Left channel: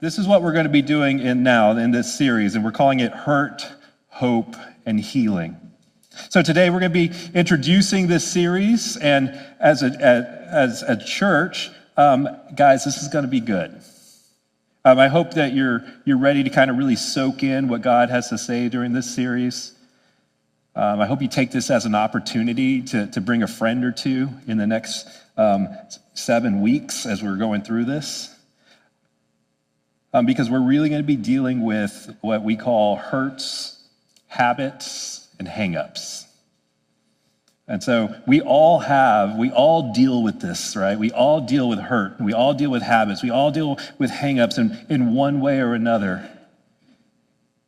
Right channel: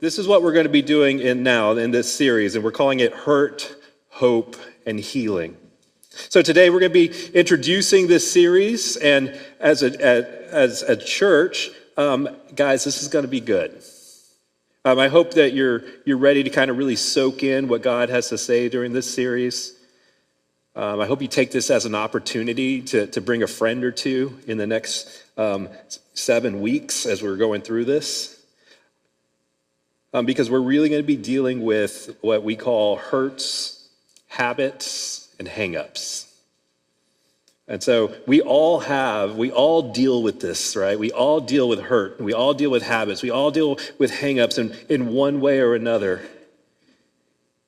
this is what we're going to be doing in this series, and we're calling it Hurt, Hope, and Healing. So today we're going to be introducing this series, and as a church, guys, this is going to be good. I hope that you're ready to kind of really soak in what God has to say during this series. I hope you take this as an opportunity to bring a friend or two in the next 7 weeks as we're going through this. Because we're really going to be dealing with what we call hurts, habits, and hang-ups. And so we all deal with this, right? We all deal with hurt, we all deal with habits, we all deal with hang-ups in one way or another.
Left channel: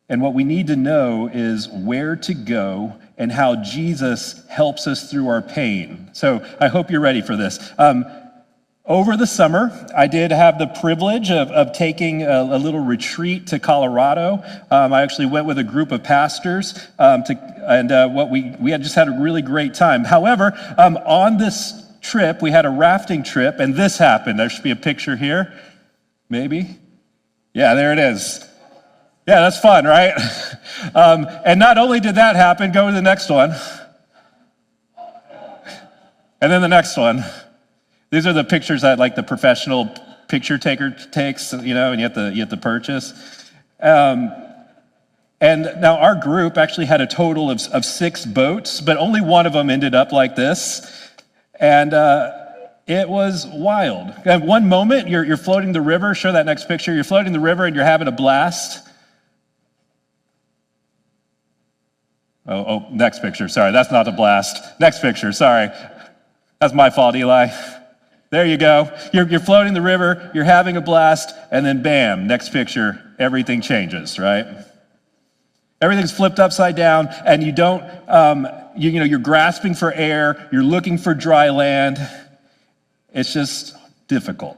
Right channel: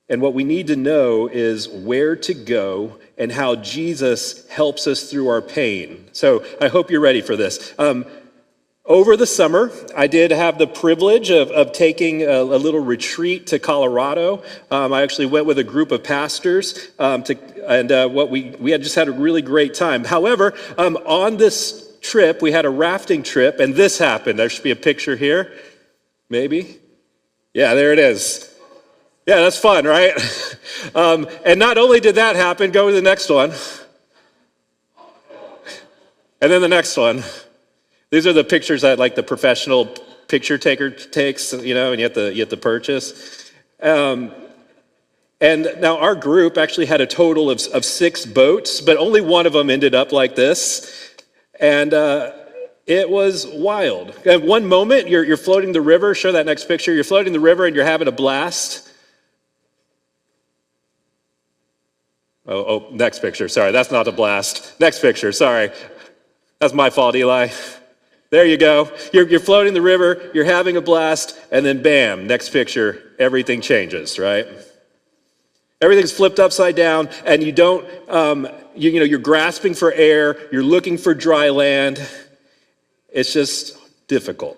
And what we need to know is where to go and how Jesus helps us through our pain. So I hope you're ready for this. Over the summer, I did have the privilege of taking a little retreat to Colorado. I actually went with a group of pastors, we had just had a really great time. However, on this trip, we had a rafting trip, and this happened. There should be a picture here, maybe. Yeah, there it is. Yeah, that's fun, right? And not only did that happen, go to the next one. And then the next one. These are the pictures that like the professional picture taker takes, and you have to purchase. And now our group actually had a total of 6 boats, but only one of them ended up like this. And it was wild. At one moment, you're floating the river. Show that next picture. You're floating the river and you're having a blast. Oh, next picture. Sorry, that's not a blast. Next picture. Sorry. That's my fault, Eli. There you go. You're floating the river, you're having a blast, and then bam, next picture, everything changes, right? Everything's flipped upside down, and you don't, you're grasping for air, you're looking for dry land. It's just difficult.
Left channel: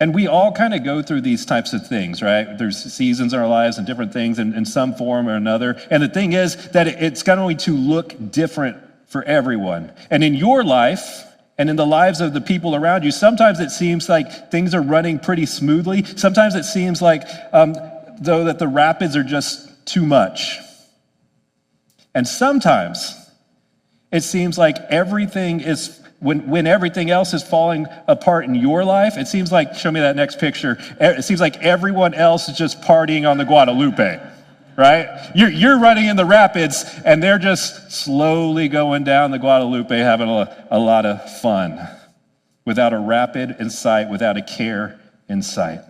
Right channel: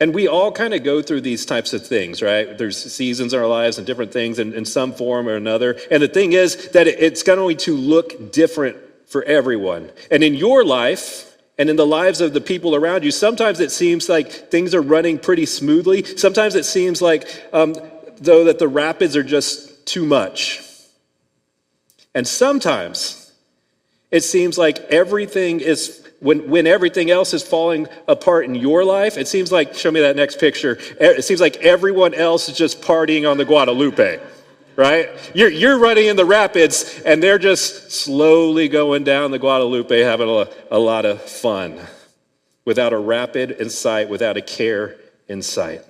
And we all kind of go through these types of things, right? There's seasons in our lives and different things in some form or another. And the thing is that it's going to look different for everyone. And in your life, and in the lives of the people around you, sometimes it seems like things are running pretty smoothly. Sometimes it seems like, though, that the rapids are just too much. And sometimes it seems like everything is, when everything else is falling apart in your life, it seems like, show me that next picture, it seems like everyone else is just partying on the Guadalupe. Right? You're running in the rapids, and they're just slowly going down the Guadalupe, having a lot of fun, without a rapid in sight, without a care in sight.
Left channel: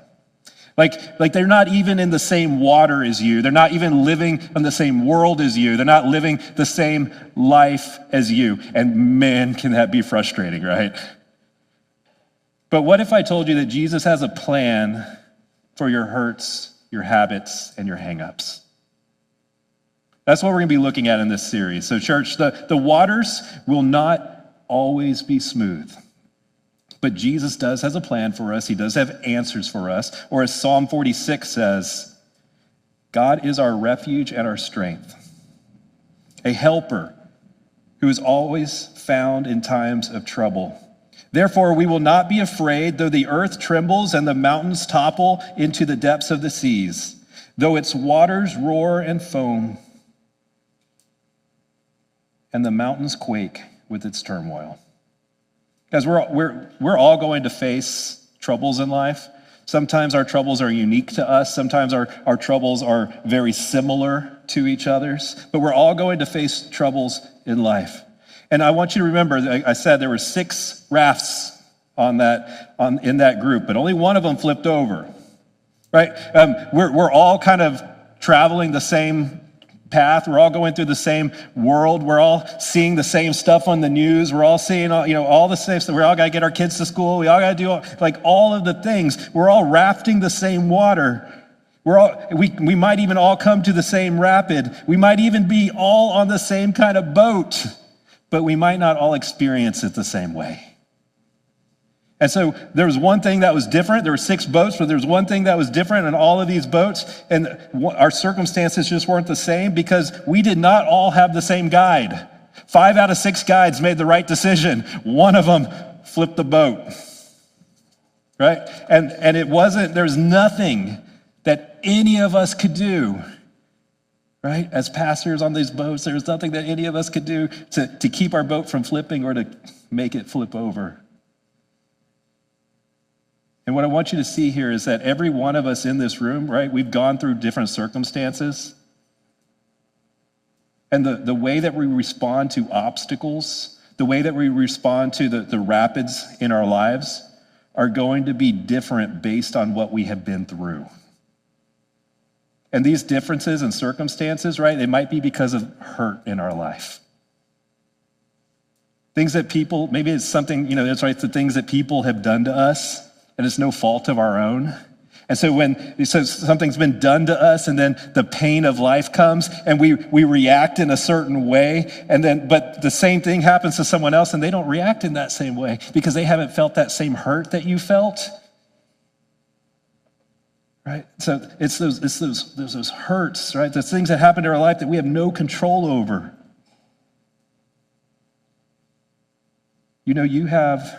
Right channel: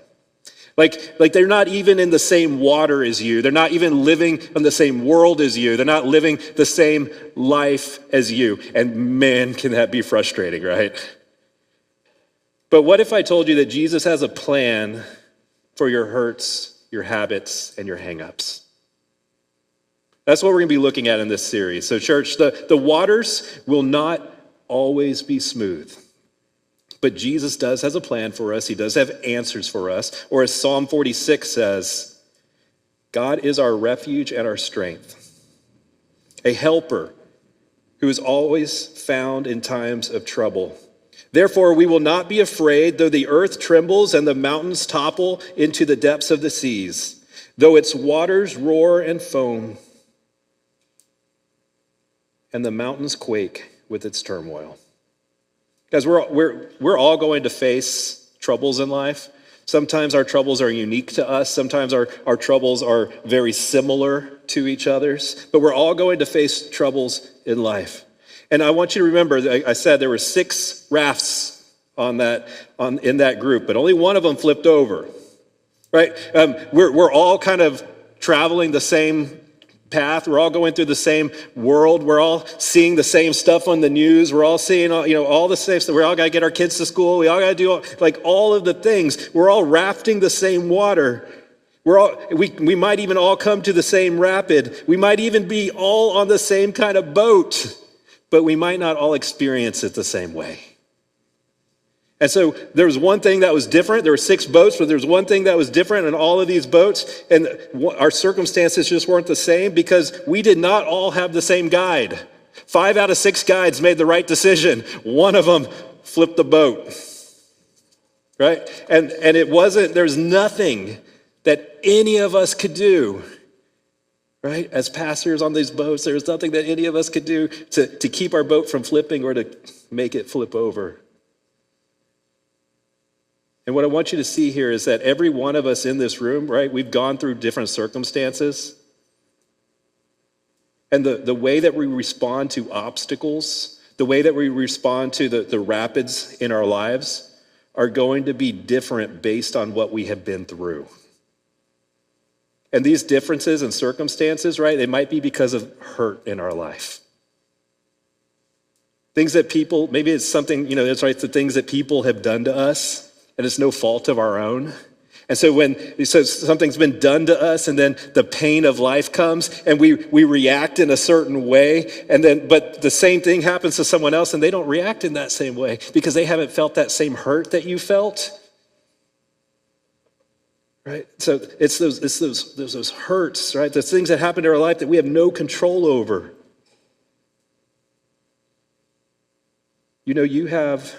Like they're not even in the same water as you. They're not even living in the same world as you. They're not living the same life as you. And man, can that be frustrating, right? But what if I told you that Jesus has a plan for your hurts, your habits, and your hang-ups? That's what we're going to be looking at in this series. So church, the waters will not always be smooth. But Jesus has a plan for us. He does have answers for us. Or as Psalm 46 says, God is our refuge and our strength, a helper who is always found in times of trouble. Therefore, we will not be afraid, though the earth trembles and the mountains topple into the depths of the seas, though its waters roar and foam, and the mountains quake with its turmoil. Guys, we're all going to face troubles in life. Sometimes our troubles are unique to us. Sometimes our troubles are very similar to each other's. But we're all going to face troubles in life. And I want you to remember, I said there were 6 rafts in that group, but only one of them flipped over, right? We're all kind of traveling the same path. We're all going through the same world. We're all seeing the same stuff on the news. We're all seeing all the same stuff. We all got to get our kids to school. We all got to do all of the things. We're all rafting the same water. We might even all come to the same rapid. We might even be all on the same kind of boat, but we might not all experience it the same way. And so there was one thing that was different. There were 6 boats, but there was one thing that was different in all of these boats. And our circumstances just weren't the same because we did not all have the same guide. 5 out of 6 guides made the right decision. One of them flipped the boat. right? And it wasn't, there's nothing that any of us could do, right? As pastors on these boats, there's nothing that any of us could do to keep our boat from flipping or to make it flip over. And what I want you to see here is that every one of us in this room, right, we've gone through different circumstances. And the way that we respond to obstacles, the way that we respond to the rapids in our lives are going to be different based on what we have been through. And these differences in circumstances, right, they might be because of hurt in our life. Things that people, maybe it's something, that's right, the things that people have done to us, and it's no fault of our own. And so when something's been done to us and then the pain of life comes and we react in a certain way, but the same thing happens to someone else and they don't react in that same way because they haven't felt that same hurt that you felt. Right? So it's those hurts, right? Those things that happen in our life that we have no control over. You have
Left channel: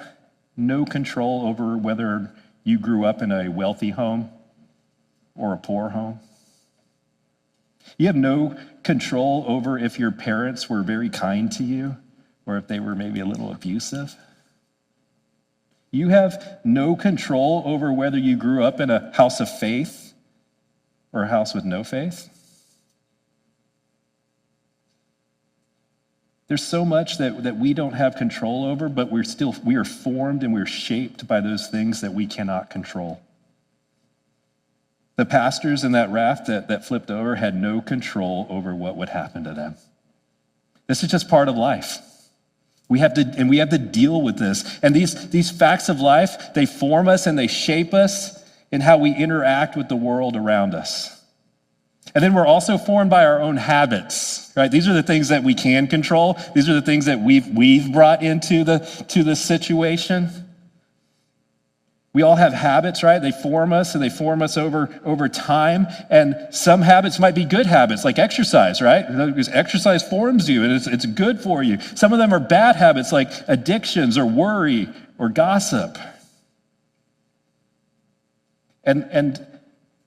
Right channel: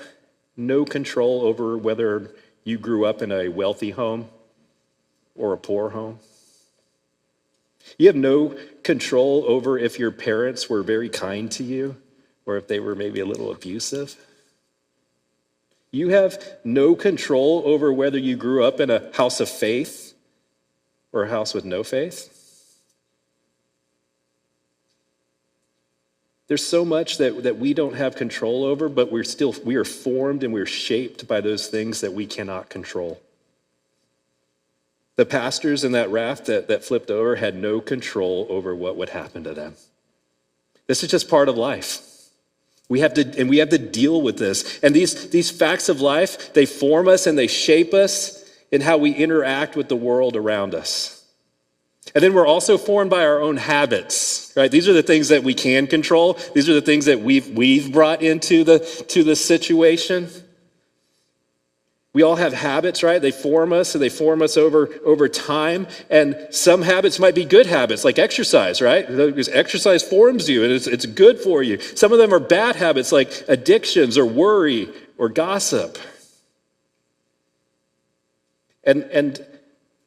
no control over whether you grew up in a wealthy home or a poor home. You have no control over if your parents were very kind to you or if they were maybe a little abusive. You have no control over whether you grew up in a house of faith or a house with no faith. There's so much that we don't have control over, but we are formed and we're shaped by those things that we cannot control. The pastors in that raft that flipped over had no control over what would happen to them. This is just part of life. We have to deal with this. And these facts of life, they form us and they shape us in how we interact with the world around us. And then we're also formed by our own habits, right? These are the things that we can control. These are the things that we've brought into the situation. We all have habits, right? They form us, and they form us over time. And some habits might be good habits, like exercise, right? Because exercise forms you, and it's good for you. Some of them are bad habits, like addictions or worry or gossip. And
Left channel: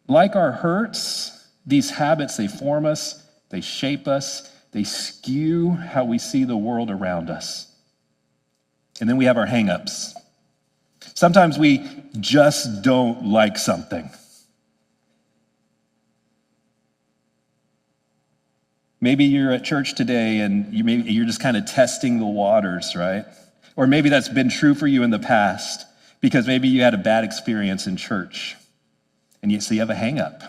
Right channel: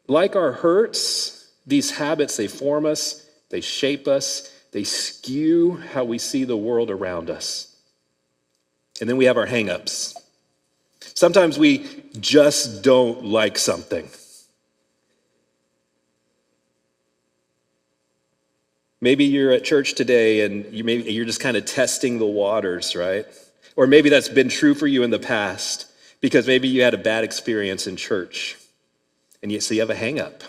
like our hurts, these habits, they form us, they shape us, they skew how we see the world around us. And then we have our hang-ups. Sometimes we just don't like something. Maybe you're at church today and you're just kind of testing the waters, right? Or maybe that's been true for you in the past because maybe you had a bad experience in church and so you have a hang-up.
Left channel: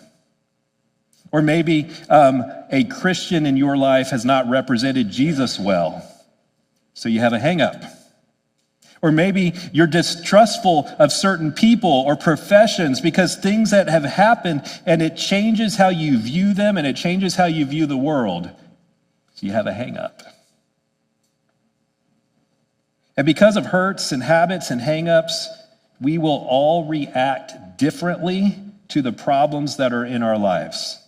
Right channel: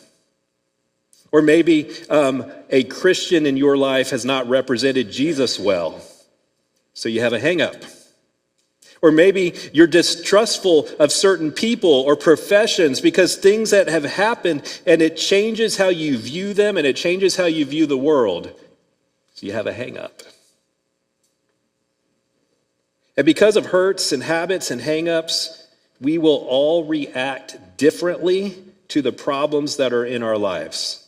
Or maybe a Christian in your life has not represented Jesus well, so you have a hang-up. Or maybe you're distrustful of certain people or professions because things that have happened and it changes how you view them and it changes how you view the world, so you have a hang-up. And because of hurts and habits and hang-ups, we will all react differently to the problems that are in our lives.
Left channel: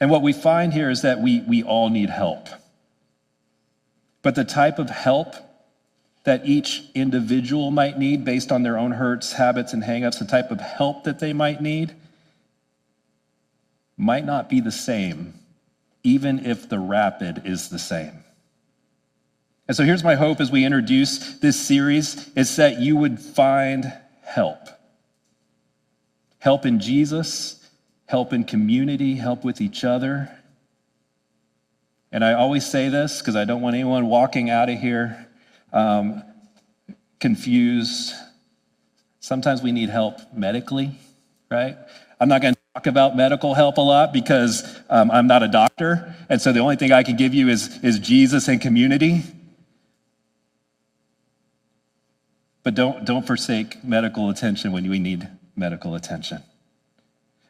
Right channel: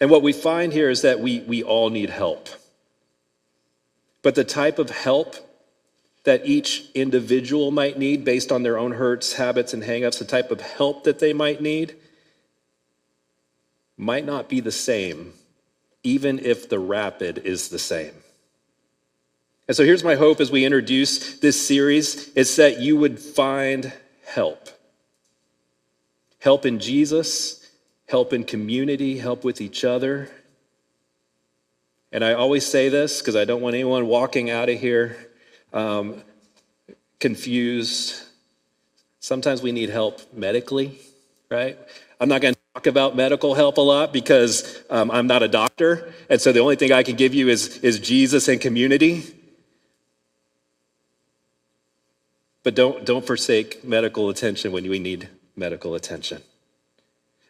And what we find here is that we all need help. But the type of help that each individual might need based on their own hurts, habits, and hang-ups, the type of help that they might need might not be the same, even if the rapid is the same. And so here's my hope as we introduce this series, is that you would find help. Help in Jesus, help in community, help with each other. And I always say this because I don't want anyone walking out of here confused. Sometimes we need help medically, right? I'm not going to talk about medical help a lot because I'm not a doctor. And so the only thing I can give you is Jesus and community. But don't forsake medical attention when we need medical attention.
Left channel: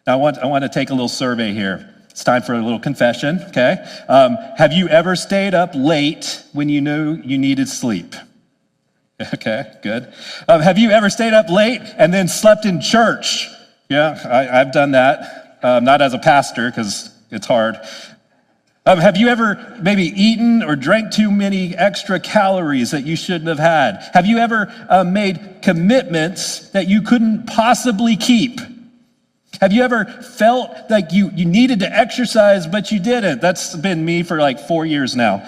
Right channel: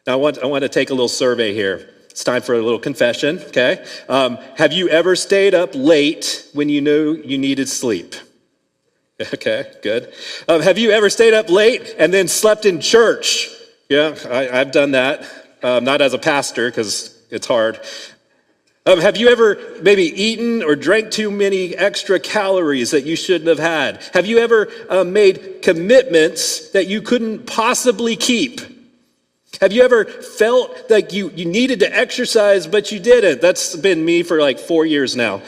Now, I want to take a little survey here. It's time for a little confession, okay? Have you ever stayed up late when you knew you needed sleep? Okay, good. Have you ever stayed up late and then slept in church? Yeah, I've done that. Not as a pastor, because it's hard. Have you ever maybe eaten or drank too many extra calories that you shouldn't have had? Have you ever made commitments that you couldn't possibly keep? Have you ever felt like you needed to exercise, but you didn't? That's been me for like 4 years now.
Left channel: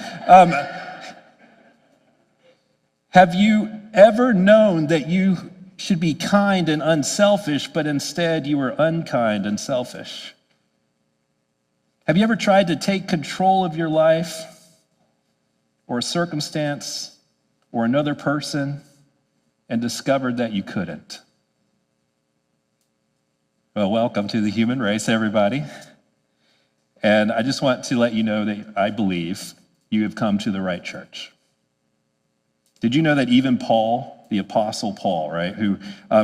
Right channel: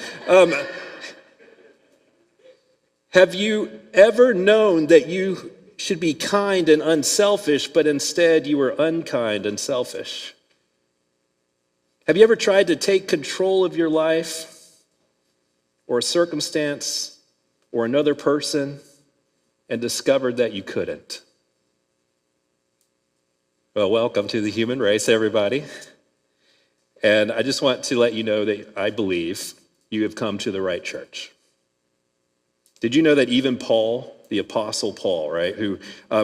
Have you ever known that you should be kind and unselfish, but instead you were unkind and selfish? Have you ever tried to take control of your life or a circumstance or another person and discovered that you couldn't? Well, welcome to the human race, everybody. And I just want to let you know that I believe you have come to the right church. Did you know that even Paul, the Apostle Paul, right, who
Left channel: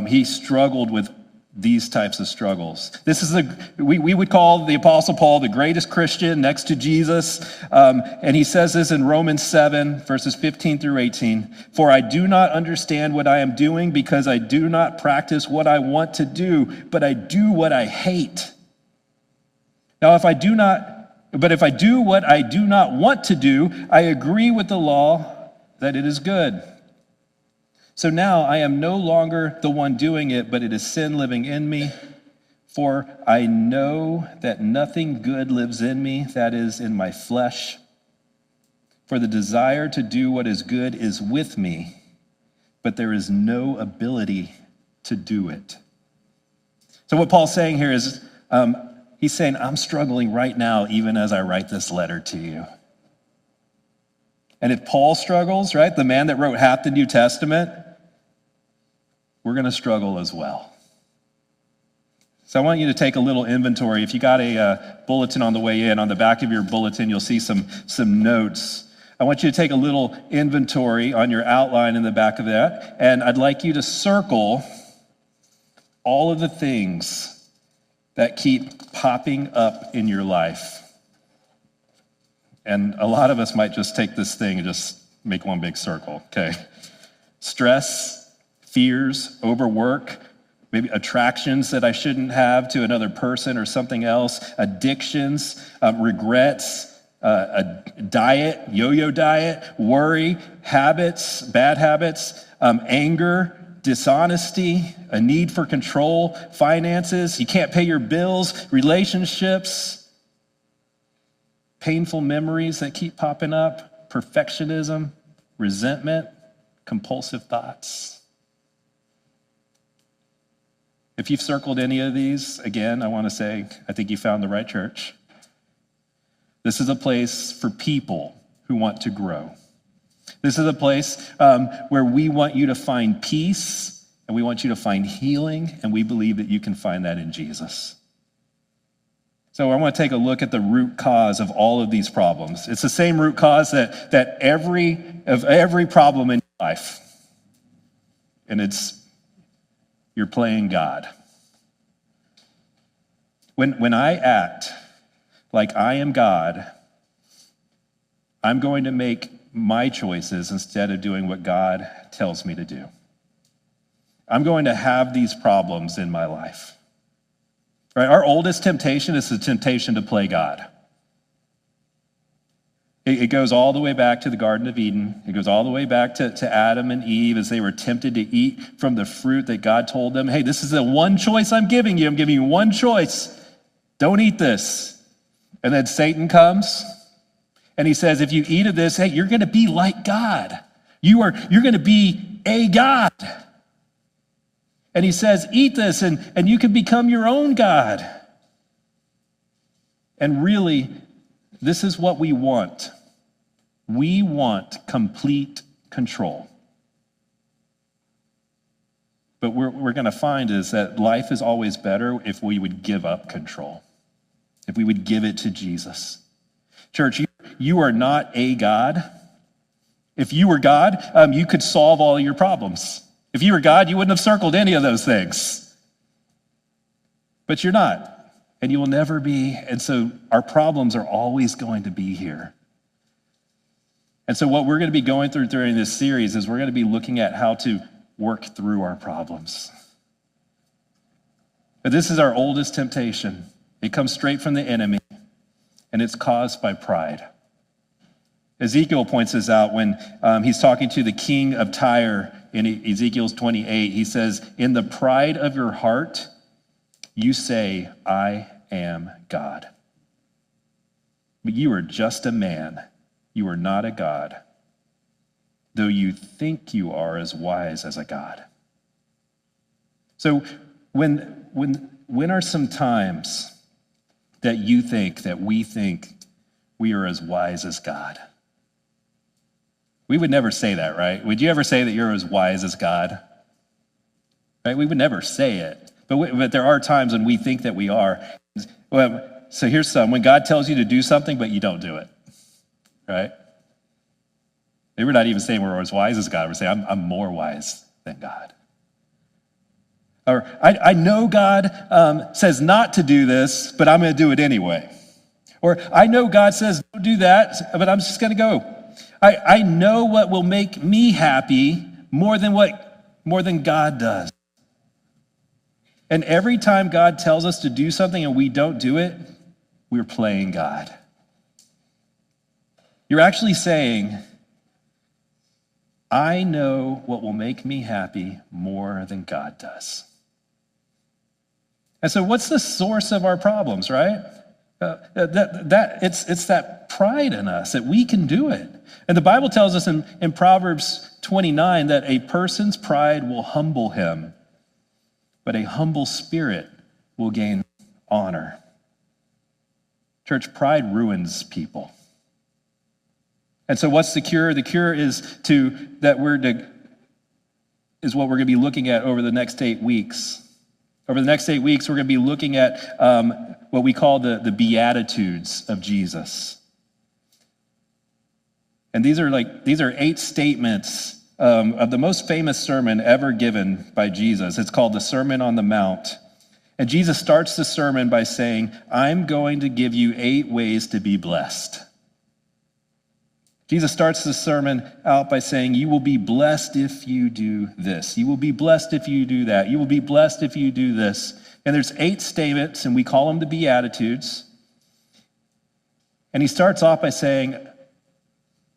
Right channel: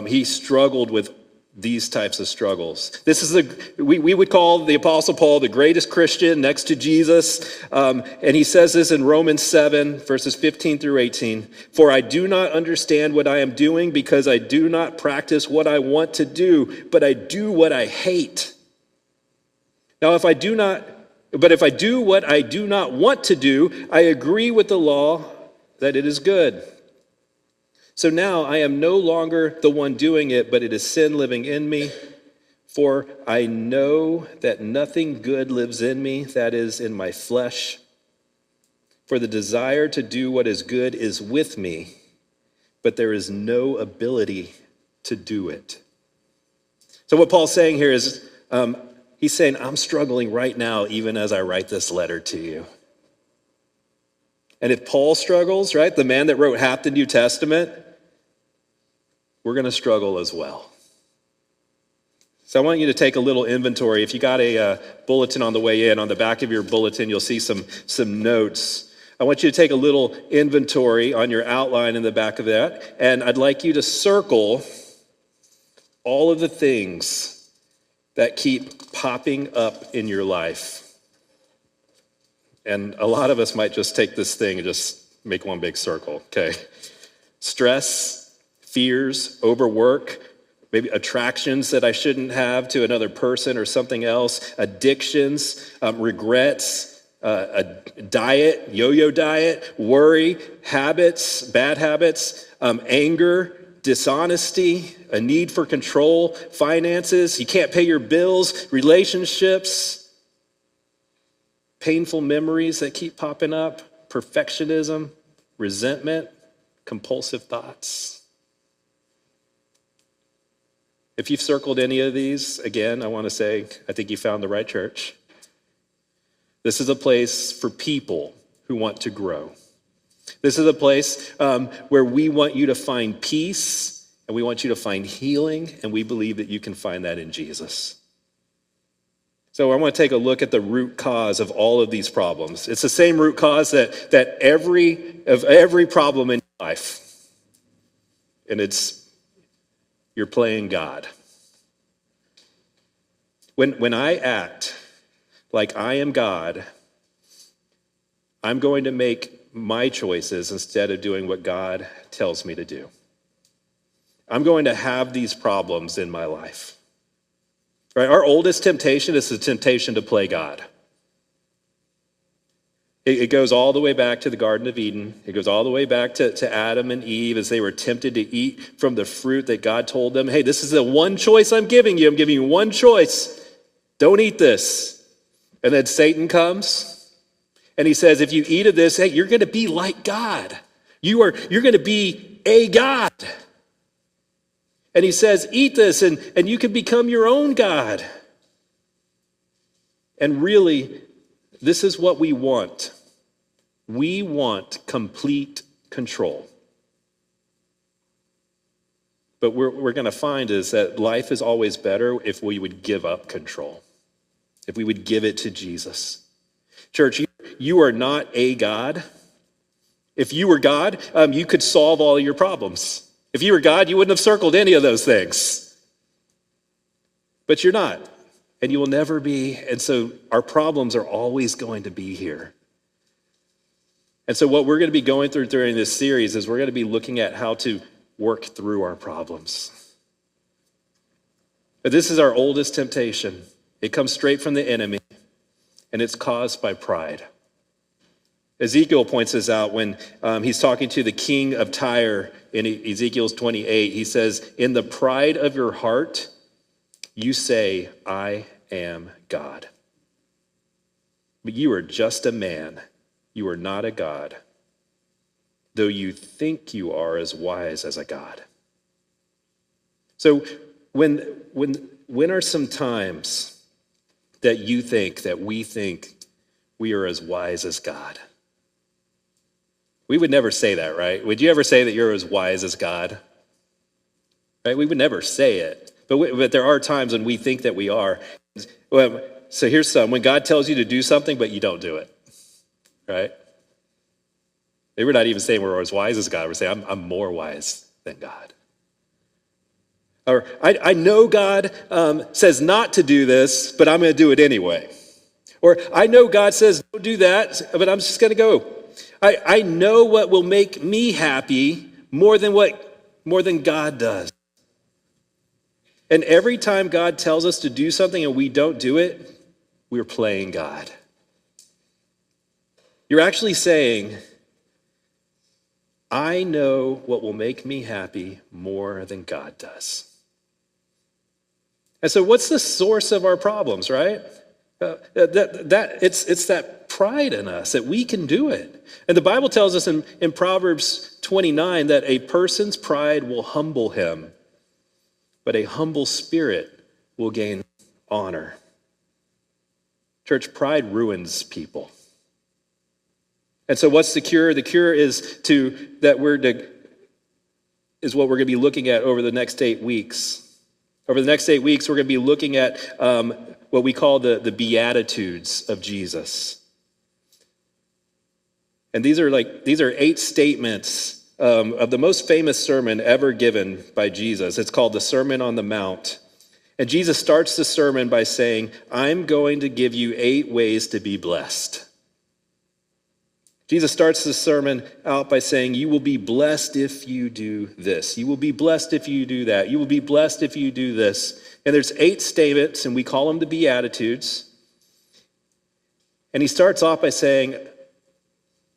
he struggled with these types of struggles. This is we would call the Apostle Paul the greatest Christian next to Jesus. And he says this in Romans 7, verses 15 through 18. For I do not understand what I am doing because I do not practice what I want to do, but I do what I hate. Now, if I do what I do not want to do, I agree with the law that it is good. So now I am no longer the one doing it, but it is sin living in me. For I know that nothing good lives in me, that is, in my flesh. For the desire to do what is good is with me, but there is no ability to do it. So what Paul's saying here is, he's saying, I'm struggling right now, even as I write this letter to you. And if Paul struggles, right, the man that wrote half the New Testament, we're going to struggle as well. So I want you to take a little inventory. If you got a bulletin on the way in, on the back of your bulletin, you'll see some notes. I want you to take a little inventory on your outline in the back of that, and I'd like you to circle all of the things that keep popping up in your life. And a lot of us might just take this thing and just make one big circle, okay? Stress, fears, overwork, maybe attractions that I shouldn't have to another person or something else, addictions, regrets, a diet, yo-yo diet, worry, habits, bad habits, anger, dishonesty, a need for control, finances, you can't pay your bills, relationships, painful memories that keep popping up, perfectionism, resentment, compulsive thoughts. If you've circled any of these, again, I want to say, I think you found the right church. This is a place for people who want to grow. This is a place where we want you to find peace, and we want you to find healing, and we believe that you can find that in Jesus. So I want to take a look at the root cause of all of these problems. It's the same root cause that every problem in your life, and it's you're playing God. When I act like I am God, I'm going to make my choices instead of doing what God tells me to do. I'm going to have these problems in my life. Right? Our oldest temptation is the temptation to play God. It goes all the way back to the Garden of Eden. It goes all the way back to Adam and Eve as they were tempted to eat from the fruit that God told them, hey, this is the one choice I'm giving you. I'm giving you one choice. Don't eat this. And then Satan comes and he says, if you eat of this, hey, you're going to be like God. You're going to be a God. And he says, eat this and you can become your own God. And really, this is what we want. We want complete control. But we're going to find is that life is always better if we would give up control, if we would give it to Jesus. Church, you are not a God. If you were God, you could solve all your problems. If you were God, you wouldn't have circled any of those things. But you're not, and you will never be. And so our problems are always going to be here. And so what we're going to be going through during this series is we're going to be looking at how to work through our problems. But this is our oldest temptation. It comes straight from the enemy. and it's caused by pride. Ezekiel points this out when he's talking to the king of Tyre in Ezekiel 28. He says, "In the pride of your heart, you say, 'I am God.' But you are just a man. You are not a God, though you think you are as wise as a God." So when are some times that you think, that we think we are as wise as God? We would never say that, right? Would you ever say that you're as wise as God? Right? We would never say it. But there are times when we think that we are. Well, so here's some. When God tells you to do something, but you don't do it, right? Maybe we're not even saying we're as wise as God. We're saying, I'm more wise than God. Or I know God says not to do this, but I'm going to do it anyway. Or I know God says don't do that, but I'm just going to go. I know what will make me happy more than God does. And every time God tells us to do something and we don't do it, we're playing God. You're actually saying, I know what will make me happy more than God does. And so what's the source of our problems, right? It's that pride in us that we can do it. And the Bible tells us in Proverbs 29 that a person's pride will humble him, but a humble spirit will gain honor. Church, pride ruins people. And so what's the cure? The cure is what we're going to be looking at over the next 8 weeks. Over the next 8 weeks, we're going to be looking at what we call the Beatitudes of Jesus. And these are 8 statements of the most famous sermon ever given by Jesus. It's called the Sermon on the Mount. And Jesus starts the sermon by saying, I'm going to give you 8 ways to be blessed. Jesus starts the sermon out by saying, you will be blessed if you do this. You will be blessed if you do that. You will be blessed if you do this. And there's 8 statements, and we call them the Beatitudes. And he starts off by saying,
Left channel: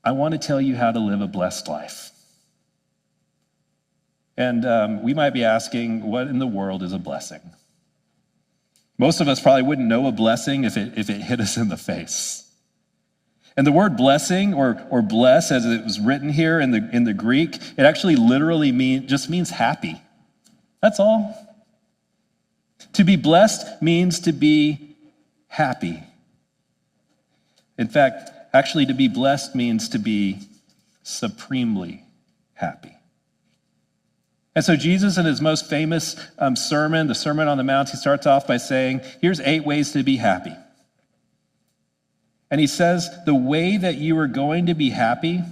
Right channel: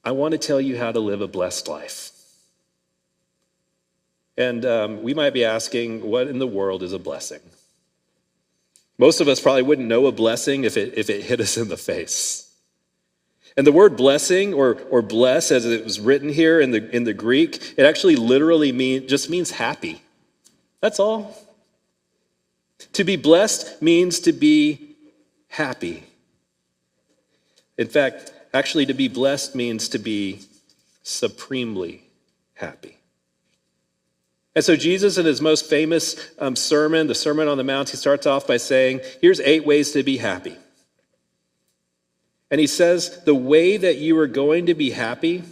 I want to tell you how to live a blessed life. And we might be asking, what in the world is a blessing? Most of us probably wouldn't know a blessing if it hit us in the face. And the word blessing or bless, as it was written here in the Greek, it actually literally means happy. That's all. To be blessed means to be happy. In fact, actually to be blessed means to be supremely happy. And so Jesus, in his most famous sermon, the Sermon on the Mount, he starts off by saying, here's 8 ways to be happy. And he says, the way that you are going to be happy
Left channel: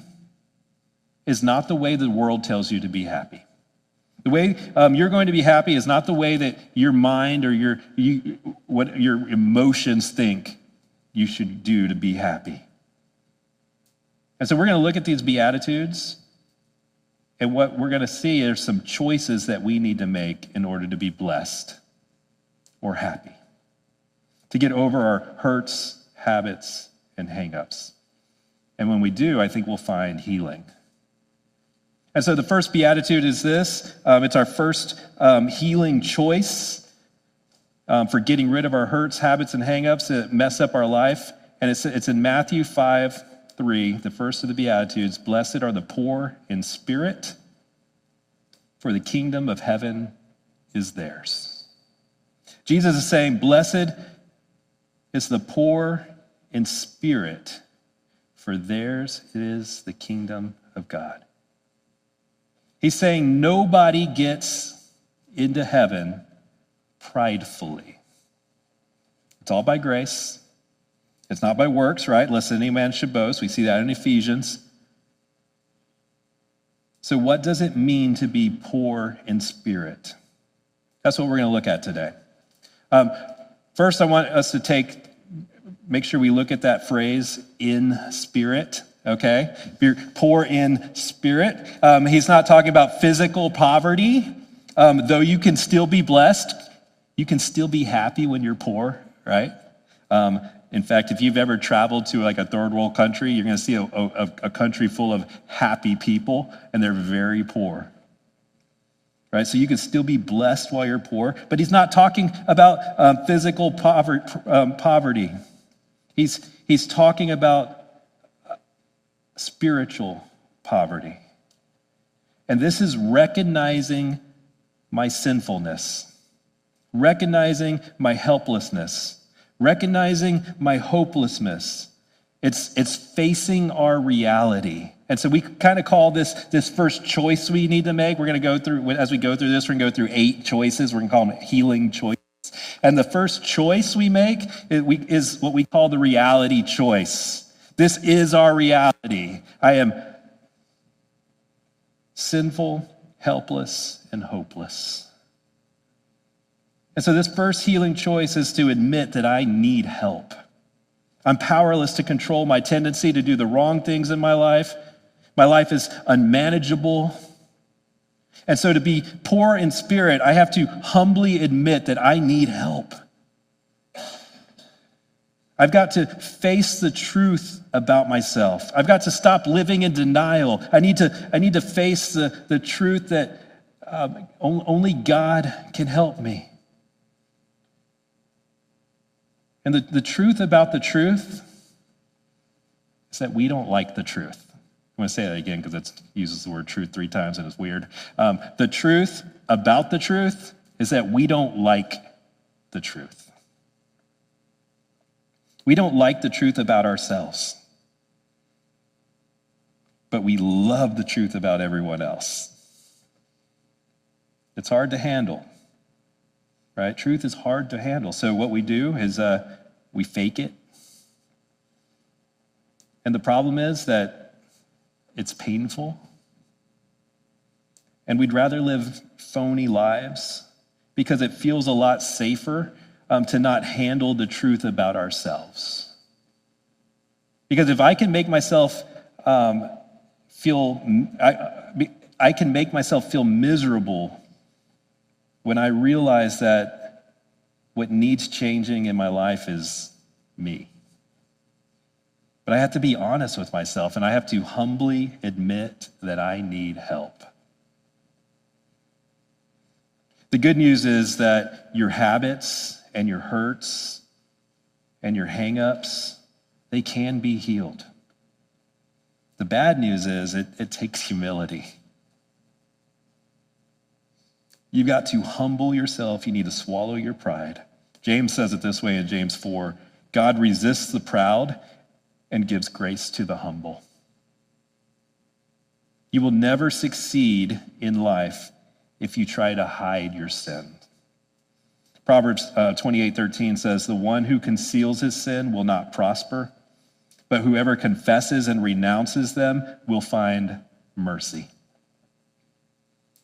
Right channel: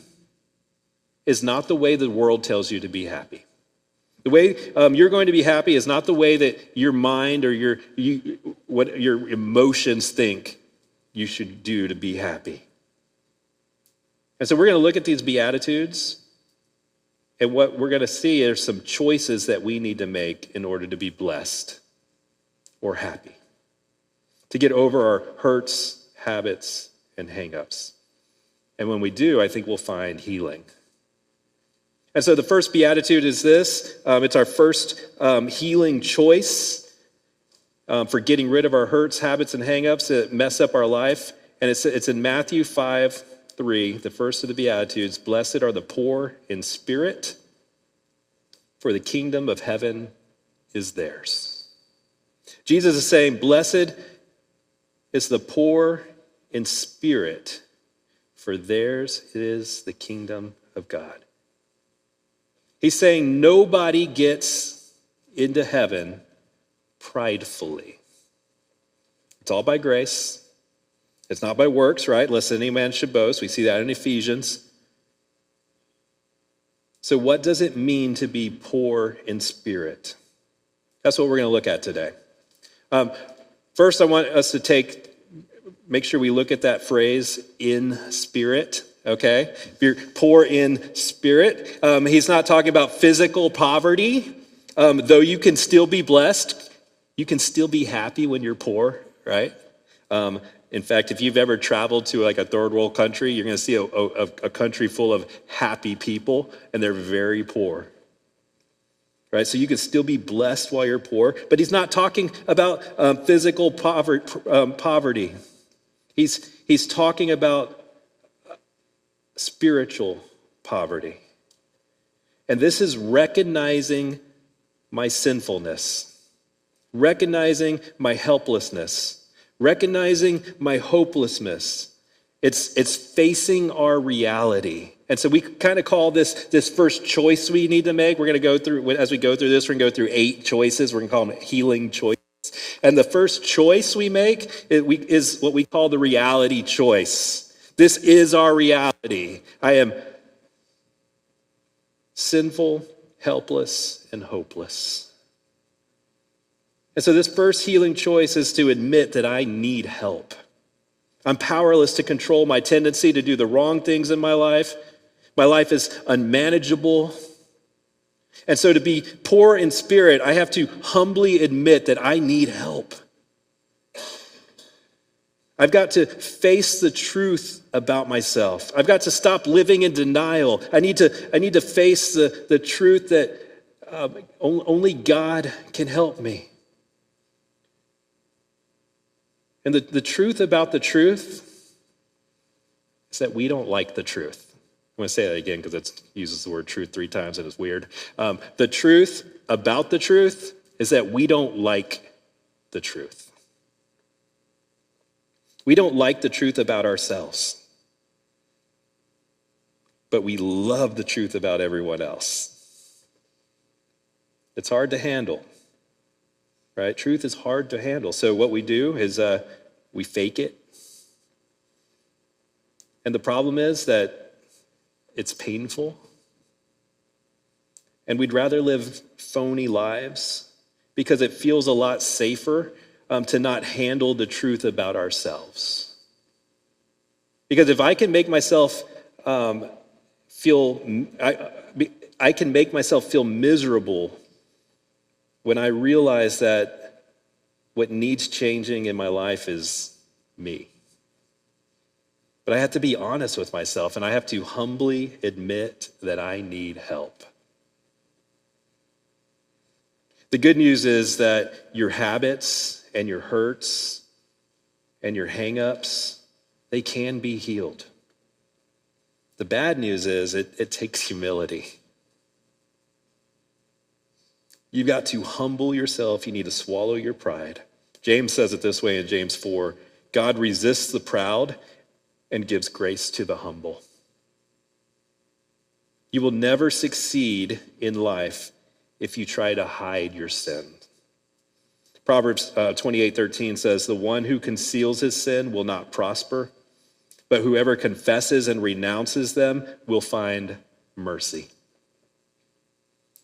is not the way the world tells you to be happy. The way you're going to be happy is not the way that your mind or what your emotions think you should do to be happy. And so we're going to look at these Beatitudes, and what we're going to see are some choices that we need to make in order to be blessed or happy, to get over our hurts, habits, and hang-ups. And when we do, I think we'll find healing. And so the first Beatitude is this. It's our first healing choice for getting rid of our hurts, habits, and hang-ups that mess up our life. And it's in Matthew 5:3, the first of the Beatitudes. Blessed are the poor in spirit, for the kingdom of heaven is theirs. Jesus is saying, blessed is the poor in spirit, for theirs is the kingdom of God. He's saying nobody gets into heaven pridefully. It's all by grace. It's not by works, right? Lest any man should boast. We see that in Ephesians. So what does it mean to be poor in spirit? That's what we're going to look at today. First, I want us to make sure we look at that phrase, in spirit, okay? If you're poor in spirit, he's not talking about physical poverty. Though you can still be blessed, you can still be happy when you're poor, right? In fact, if you've ever traveled to like a third world country, you're going to see a country full of happy people, and they're very poor. Right? So you can still be blessed while you're poor, but he's not talking about physical poverty. He's talking about spiritual poverty. And this is recognizing my sinfulness, recognizing my helplessness, recognizing my hopelessness. It's facing our reality. And so we kind of call this first choice we need to make. We're going to go through, as we go through this, we're going to go through 8 choices. We're going to call them healing choices. And the first choice we make is what we call the reality choice. This is our reality. I am sinful, helpless, and hopeless. And so this first healing choice is to admit that I need help. I'm powerless to control my tendency to do the wrong things in my life. My life is unmanageable. And so to be poor in spirit, I have to humbly admit that I need help. I've got to face the truth about myself. I've got to stop living in denial. I need to face the truth that only God can help me. And the truth about the truth is that we don't like the truth. I'm going to say that again because it uses the word truth 3 times and it's weird. The truth about the truth is that we don't like the truth. We don't like the truth about ourselves, but we love the truth about everyone else. It's hard to handle, right? Truth is hard to handle. So what we do is we fake it. And the problem is that it's painful. And we'd rather live phony lives because it feels a lot safer to not handle the truth about ourselves. Because if I can make myself feel miserable when I realize that what needs changing in my life is me. But I have to be honest with myself, and I have to humbly admit that I need help. The good news is that your habits and your hurts and your hang-ups, they can be healed. The bad news is it takes humility. You've got to humble yourself. You need to swallow your pride. James says it this way in James 4, God resists the proud and gives grace to the humble. You will never succeed in life if you try to hide your sin. Proverbs 28:13 says, the one who conceals his sin will not prosper, but whoever confesses and renounces them will find mercy.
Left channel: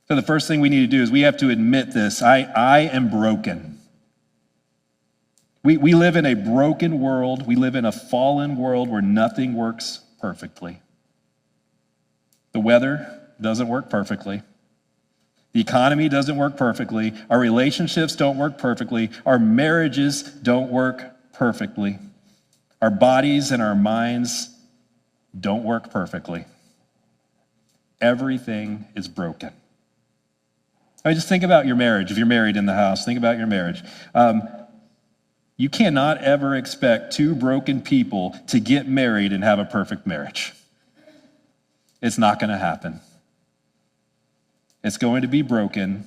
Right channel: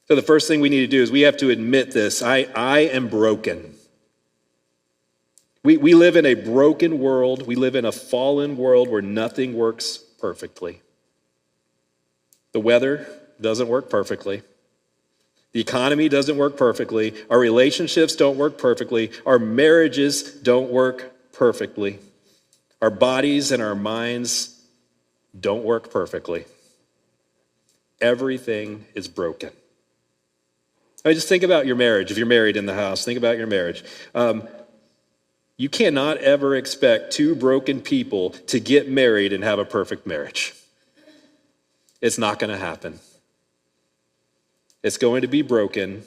So the first thing we need to do is we have to admit this. I am broken. We live in a broken world. We live in a fallen world where nothing works perfectly. The weather doesn't work perfectly. The economy doesn't work perfectly. Our relationships don't work perfectly. Our marriages don't work perfectly. Our bodies and our minds don't work perfectly. Everything is broken. I mean, just think about your marriage. If you're married in the house, think about your marriage. You cannot ever expect 2 broken people to get married and have a perfect marriage. It's not going to happen. It's going to be broken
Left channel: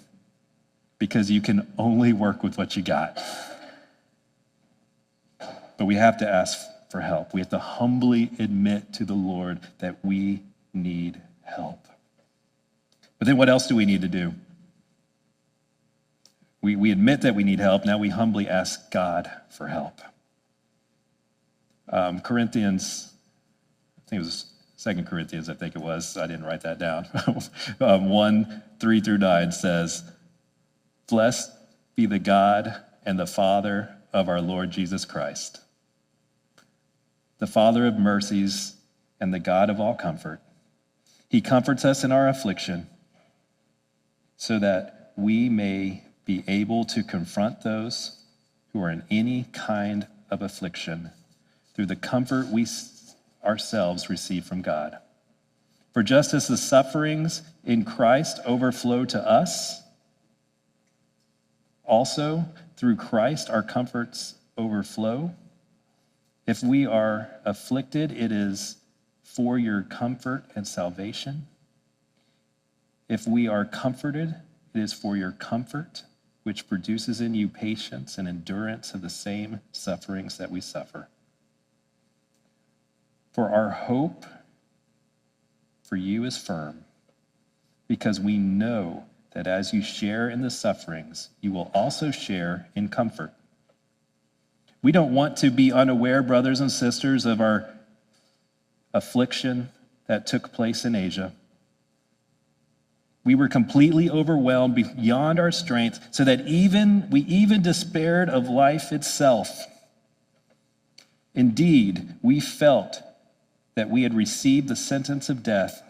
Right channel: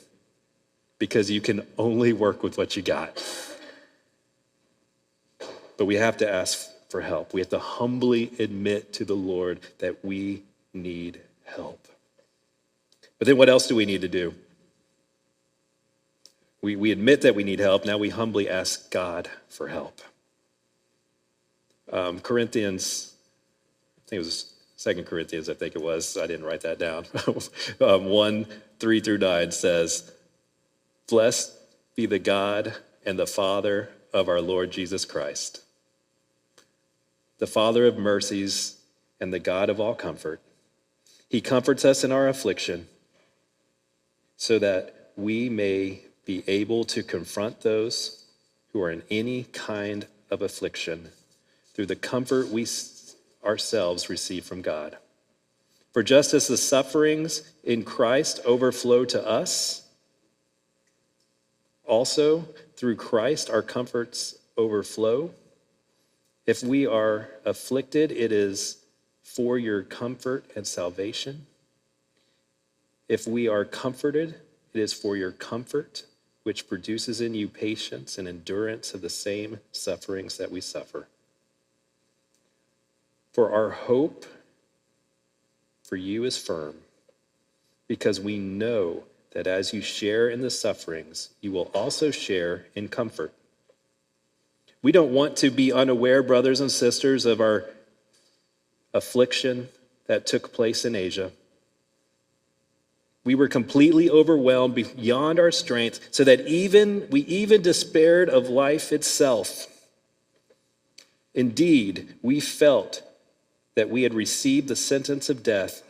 because you can only work with what you got. But we have to ask for help. We have to humbly admit to the Lord that we need help. But then what else do we need to do? We admit that we need help. Now we humbly ask God for help. Corinthians, I think it was 2 Corinthians, I think it was. I didn't write that down. 1:3-9 says, blessed be the God and the Father of our Lord Jesus Christ, the Father of mercies and the God of all comfort. He comforts us in our affliction so that we may be able to confront those who are in any kind of affliction through the comfort we ourselves receive from God. For just as the sufferings in Christ overflow to us, also through Christ our comforts overflow. If we are afflicted, it is for your comfort and salvation. If we are comforted, it is for your comfort, which produces in you patience and endurance of the same sufferings that we suffer. For our hope for you is firm, because we know that as you share in the sufferings, you will also share in comfort. We don't want to be unaware, brothers and sisters, of our affliction that took place in Asia. We were completely overwhelmed beyond our strength, so that we even despaired of life itself. Indeed, we felt that we had received the sentence of death,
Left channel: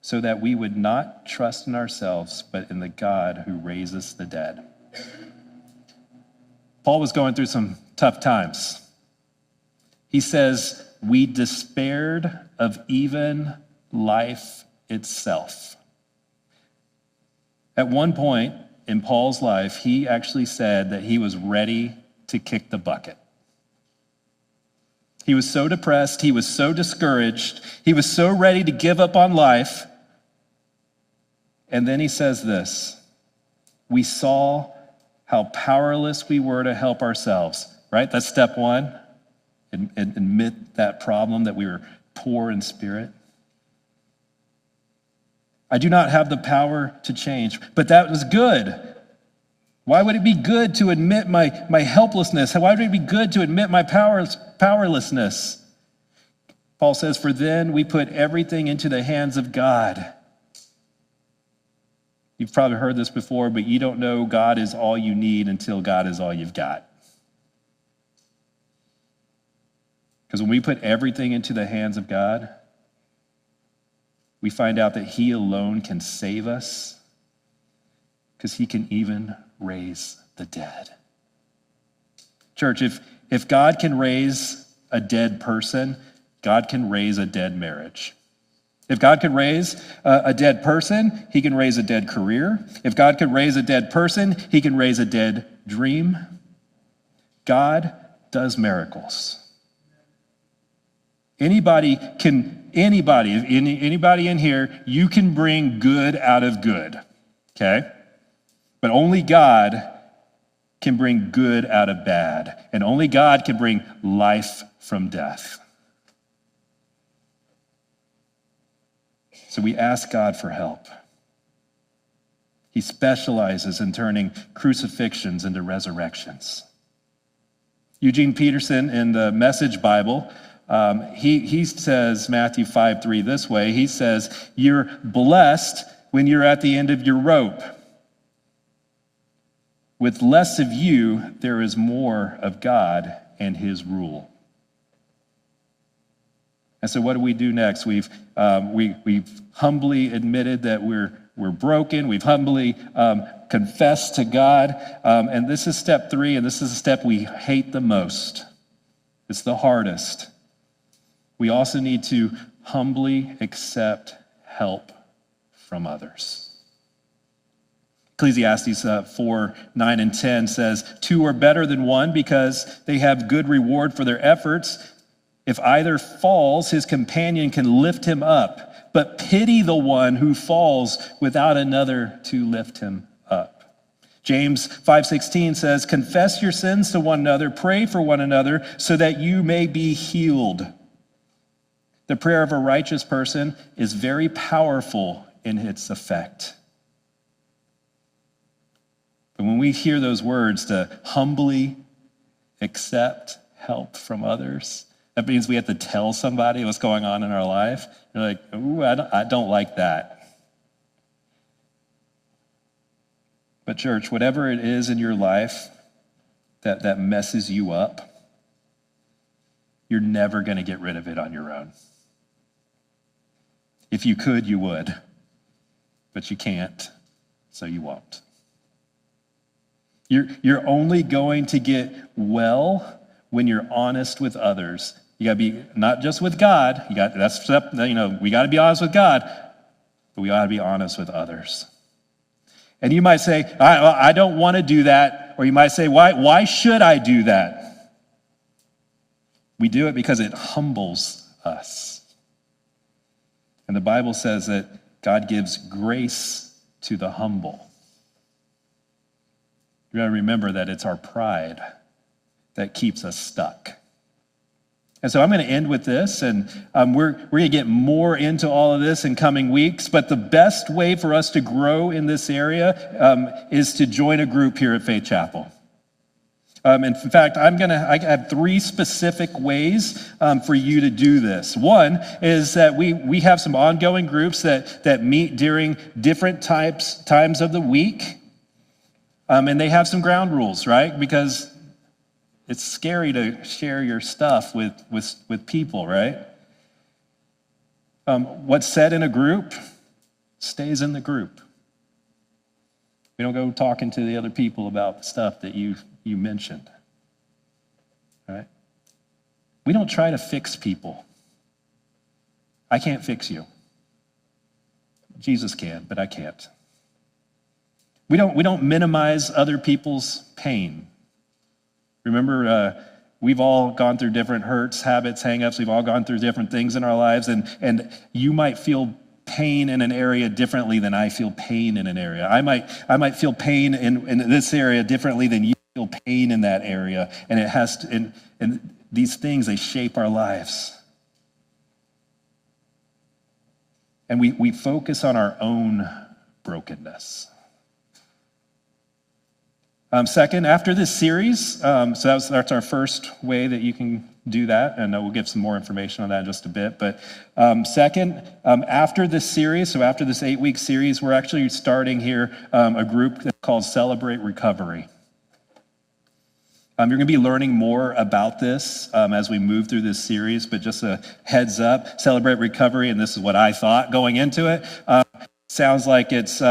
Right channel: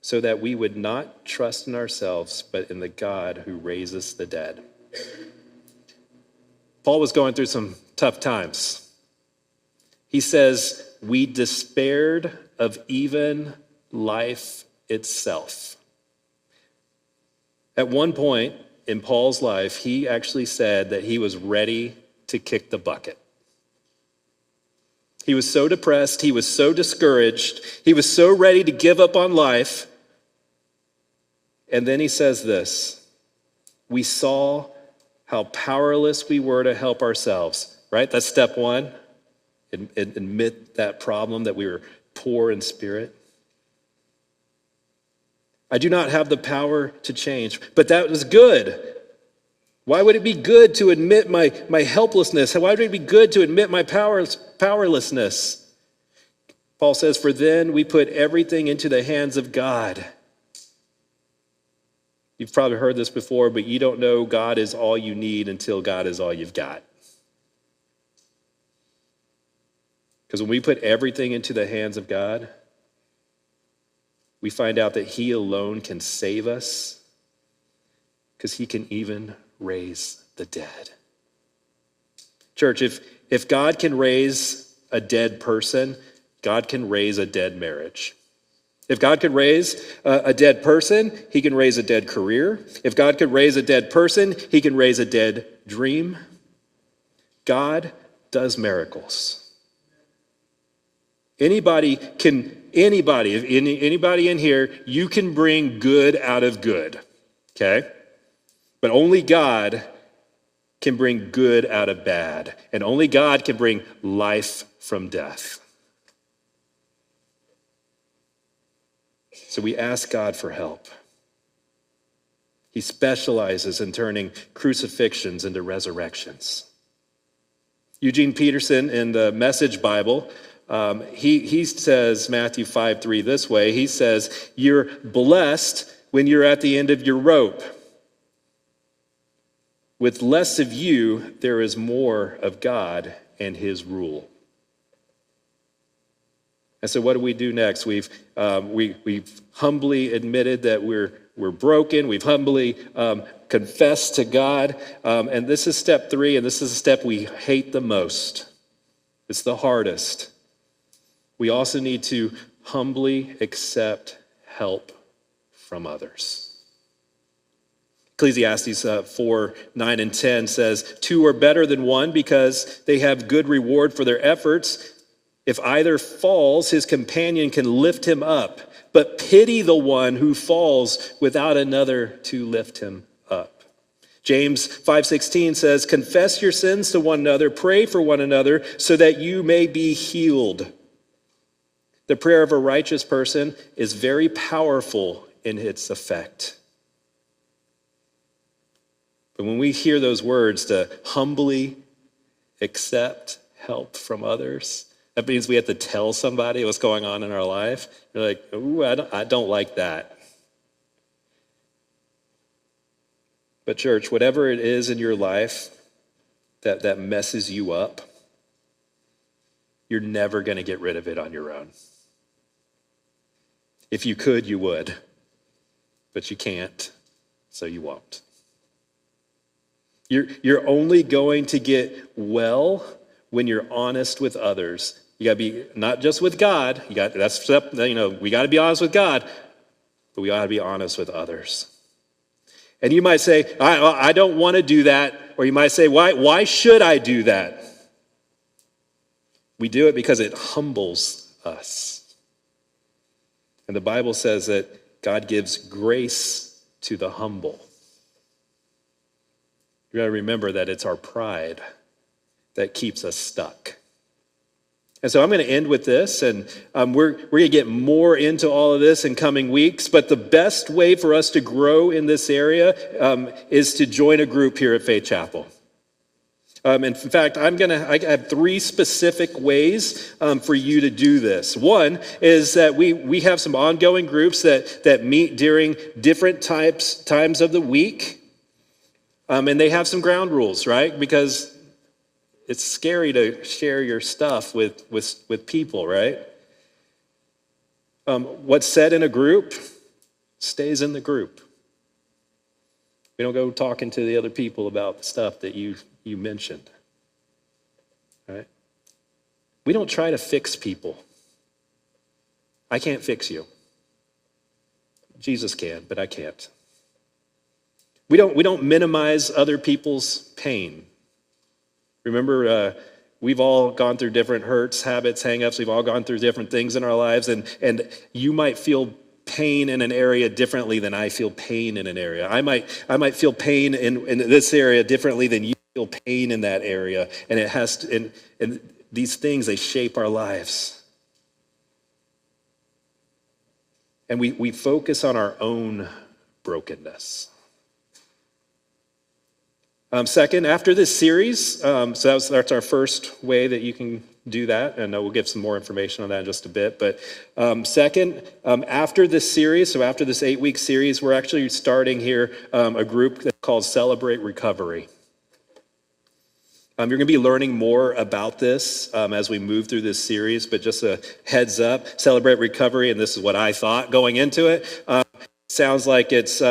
so that we would not trust in ourselves, but in the God who raises the dead. Paul was going through some tough times. He says, we despaired of even life itself. At one point in Paul's life, he actually said that he was ready to kick the bucket. He was so depressed, he was so discouraged, he was so ready to give up on life. And then he says this, we saw how powerless we were to help ourselves, right? That's step one. Admit that problem, that we were poor in spirit. I do not have the power to change, but that was good. Why would it be good to admit my helplessness? Why would it be good to admit my powerlessness? Paul says, for then we put everything into the hands of God. You've probably heard this before, but you don't know God is all you need until God is all you've got. Because when we put everything into the hands of God, we find out that he alone can save us, because he can even raise the dead. Church, if God can raise a dead person, God can raise a dead marriage. If God could raise a dead person, he can raise a dead career. If God could raise a dead person, he can raise a dead dream. God does miracles. Anybody in here, you can bring good out of good, okay? But only God can bring good out of bad, and only God can bring life from death. So we ask God for help. He specializes in turning crucifixions into resurrections. Eugene Peterson in the Message Bible, he says Matthew 5:3 this way. He says, you're blessed when you're at the end of your rope. With less of you, there is more of God and his rule. And so what do we do next? We've humbly admitted that we're broken. We've humbly confessed to God. And this is step 3, and this is a step we hate the most. It's the hardest. We also need to humbly accept help from others. Ecclesiastes 4:9-10 says, 2 are better than one because they have good reward for their efforts. If either falls, his companion can lift him up, but pity the one who falls without another to lift him up. James 5:16 says, confess your sins to one another, pray for one another so that you may be healed. The prayer of a righteous person is very powerful in its effect. But when we hear those words to humbly accept help from others, that means we have to tell somebody what's going on in our life. You're like, ooh, I don't like that. But church, whatever it is in your life that messes you up, you're never going to get rid of it on your own. If you could, you would. But you can't, so you won't. You're only going to get well when you're honest with others. You got to be not just with God. We got to be honest with God, but we ought to be honest with others. And you might say, I don't want to do that. Or you might say, why should I do that? We do it because it humbles us. And the Bible says that God gives grace to the humble. You got to remember that it's our pride that keeps us stuck. And so I'm going to end with this, and we're going to get more into all of this in coming weeks, but the best way for us to grow in this area is to join a group here at Faith Chapel. In fact, I have 3 specific ways for you to do this. One is that we have some ongoing groups that meet during different times of the week, and they have some ground rules, right? Because it's scary to share your stuff with people, right? What's said in a group stays in the group. We don't go talking to the other people about stuff that you mentioned, right? We don't try to fix people. I can't fix you. Jesus can, but I can't. We don't minimize other people's pain. Remember, we've all gone through different hurts, habits, hang-ups. We've all gone through different things in our lives, and you might feel pain in an area differently than I feel pain in an area. I might feel pain in this area differently than you feel pain in that area, and it has to, and these things, they shape our lives. And we focus on our own brokenness. Second, after this series, so that's our first way that you can do that, and we'll give some more information on that in just a bit. But second, after this series, so after this 8-week series, we're actually starting here a group that's called Celebrate Recovery. You're going to be learning more about this as we move through this series, but just a heads up, Celebrate Recovery, and this is what I thought going into it, sounds like it's,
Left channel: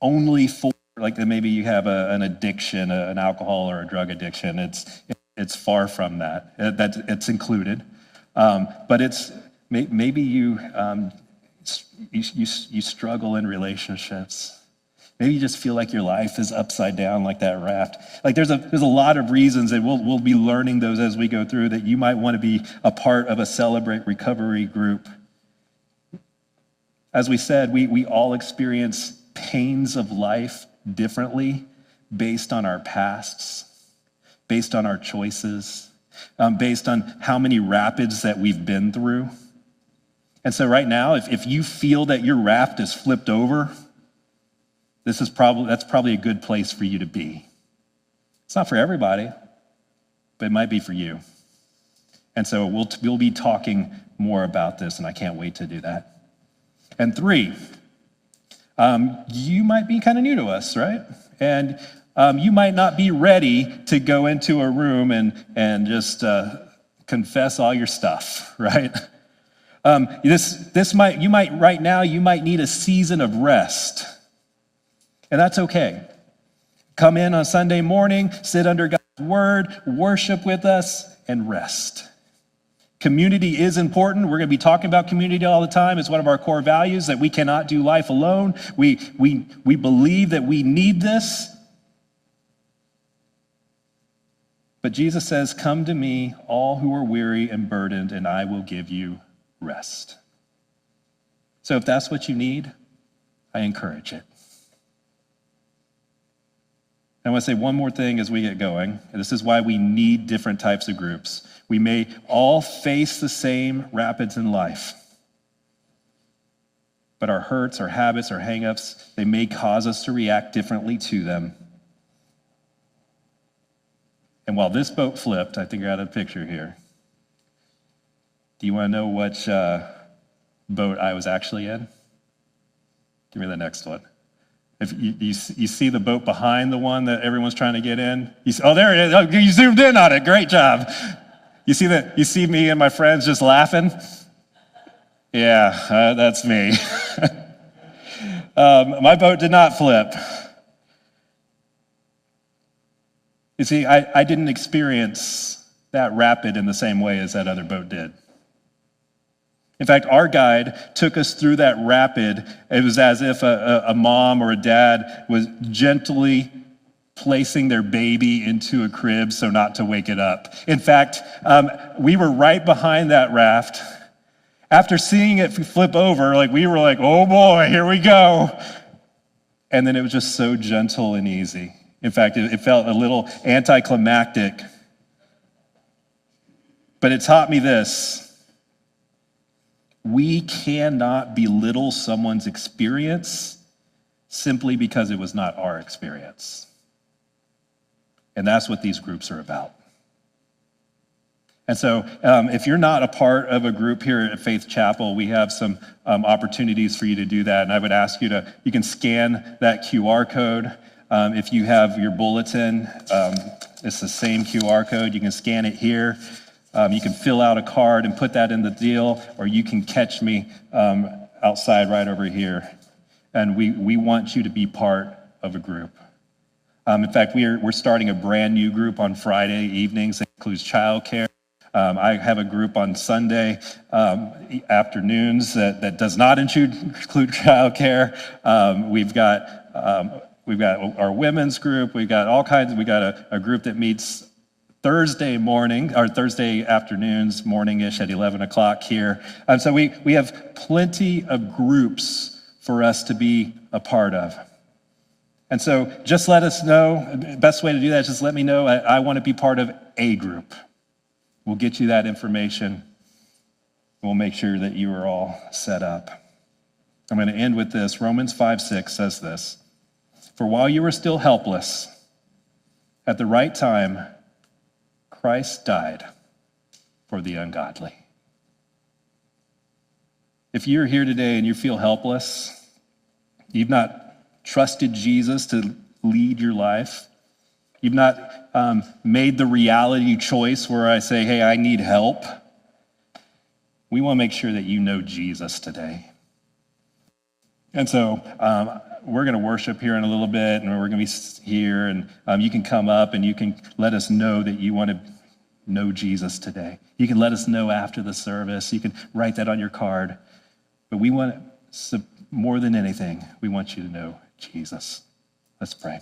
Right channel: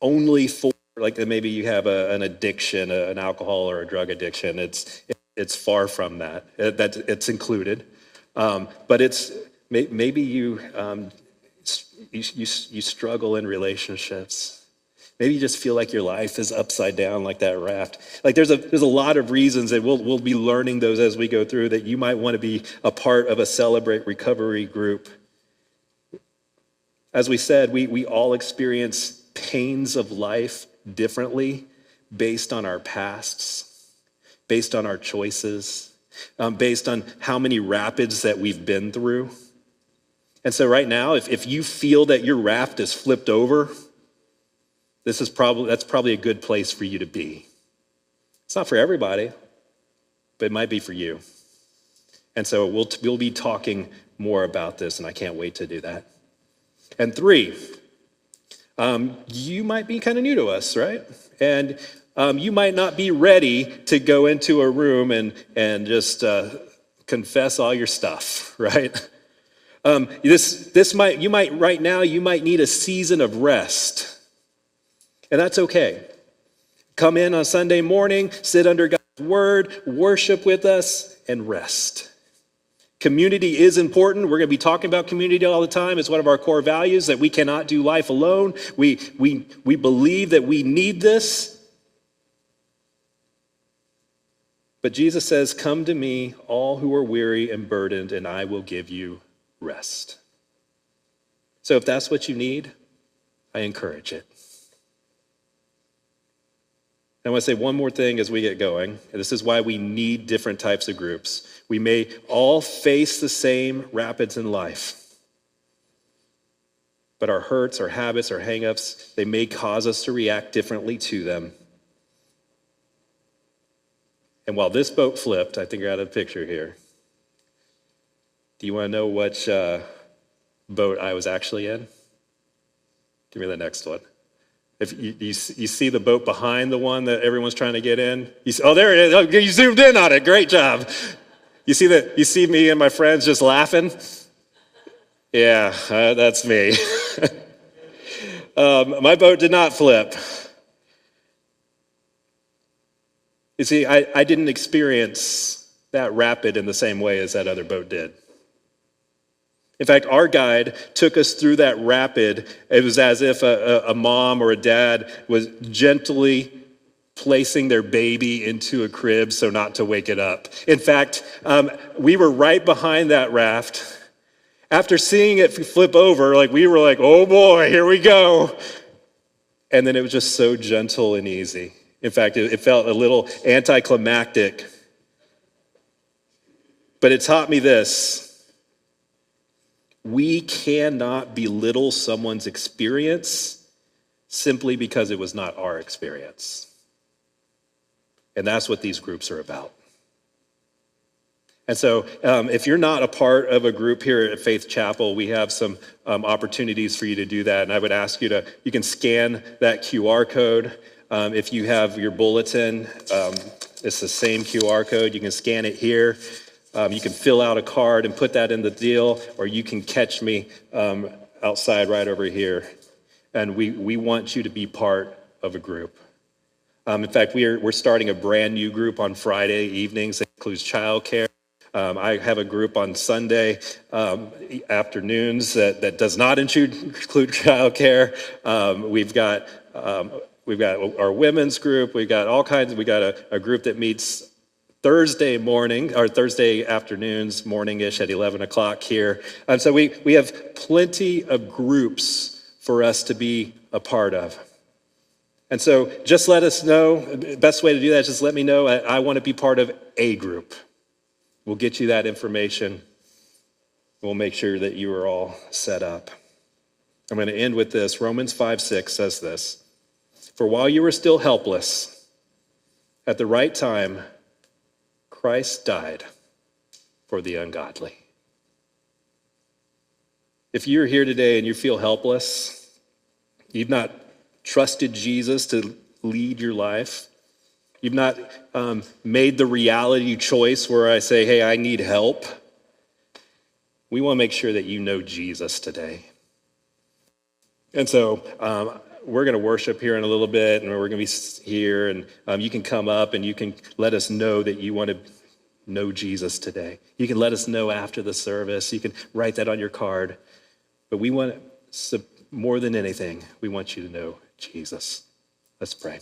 only for, like maybe you have an addiction, an alcohol or a drug addiction. It's far from that. It's included, but it's maybe you struggle in relationships. Maybe you just feel like your life is upside down like that raft. Like there's a lot of reasons, and we'll be learning those as we go through, that you might want to be a part of a Celebrate Recovery group. As we said, we all experience pains of life differently based on our pasts, based on our choices, based on how many rapids that we've been through. And so right now, if you feel that your raft is flipped over, that's probably a good place for you to be. It's not for everybody, but it might be for you. And so we'll be talking more about this, and I can't wait to do that. And 3, you might be kind of new to us, right? And you might not be ready to go into a room and just confess all your stuff, right? You might need a season of rest, and that's okay. Come in on Sunday morning, sit under God's word, worship with us, and rest. Community is important. We're going to be talking about community all the time. It's one of our core values, that we cannot do life alone. We believe that we need this. But Jesus says, "Come to me, all who are weary and burdened, and I will give you rest." So if that's what you need, I encourage it. I want to say one more thing as we get going. This is why we need different types of groups. We may all face the same rapids in life, but our hurts, our habits, our hang-ups, they may cause us to react differently to them. And while this boat flipped, I think I got a picture here. Do you want to know which boat I was actually in? Give me the next one. If you see the boat behind the one that everyone's trying to get in, there it is. Oh, you zoomed in on it. Great job. You see me and my friends just laughing? Yeah, that's me. My boat did not flip. You see, I didn't experience that rapid in the same way as that other boat did. In fact, our guide took us through that rapid. It was as if a mom or a dad was gently placing their baby into a crib so not to wake it up. In fact, we were right behind that raft. After seeing it flip over, we were like, oh boy, here we go. And then it was just so gentle and easy. In fact, it felt a little anticlimactic. But it taught me this. We cannot belittle someone's experience simply because it was not our experience. And that's what these groups are about. And so if you're not a part of a group here at Faith Chapel, we have some opportunities for you to do that. And I would ask you can scan that QR code. If you have your bulletin, it's the same QR code. You can scan it here. You can fill out a card and put that in the deal, or you can catch me outside right over here. And we want you to be part of a group. In fact, we're starting a brand new group on Friday evenings that includes childcare. I have a group on Sunday afternoons that does not include childcare. We've got our women's group. We've got all kinds. We got a group that meets Thursday morning or Thursday afternoons, morning-ish at 11 o'clock here. So we have plenty of groups for us to be a part of. And so just let us know. The best way to do that is just let me know. I want to be part of a group. We'll get you that information. We'll make sure that you are all set up. I'm going to end with this. Romans 5:6 says this. For while you were still helpless, at the right time, Christ died for the ungodly. If you're here today and you feel helpless, you've not trusted Jesus to lead your life, you've not made the reality choice where I say, hey, I need help, we want to make sure that you know Jesus today. And so we're going to worship here in a little bit, and we're going to be here, and you can come up and you can let us know that you want to know Jesus today. You can let us know after the service. You can write that on your card. But we want, more than anything, we want you to know Jesus. Let's pray.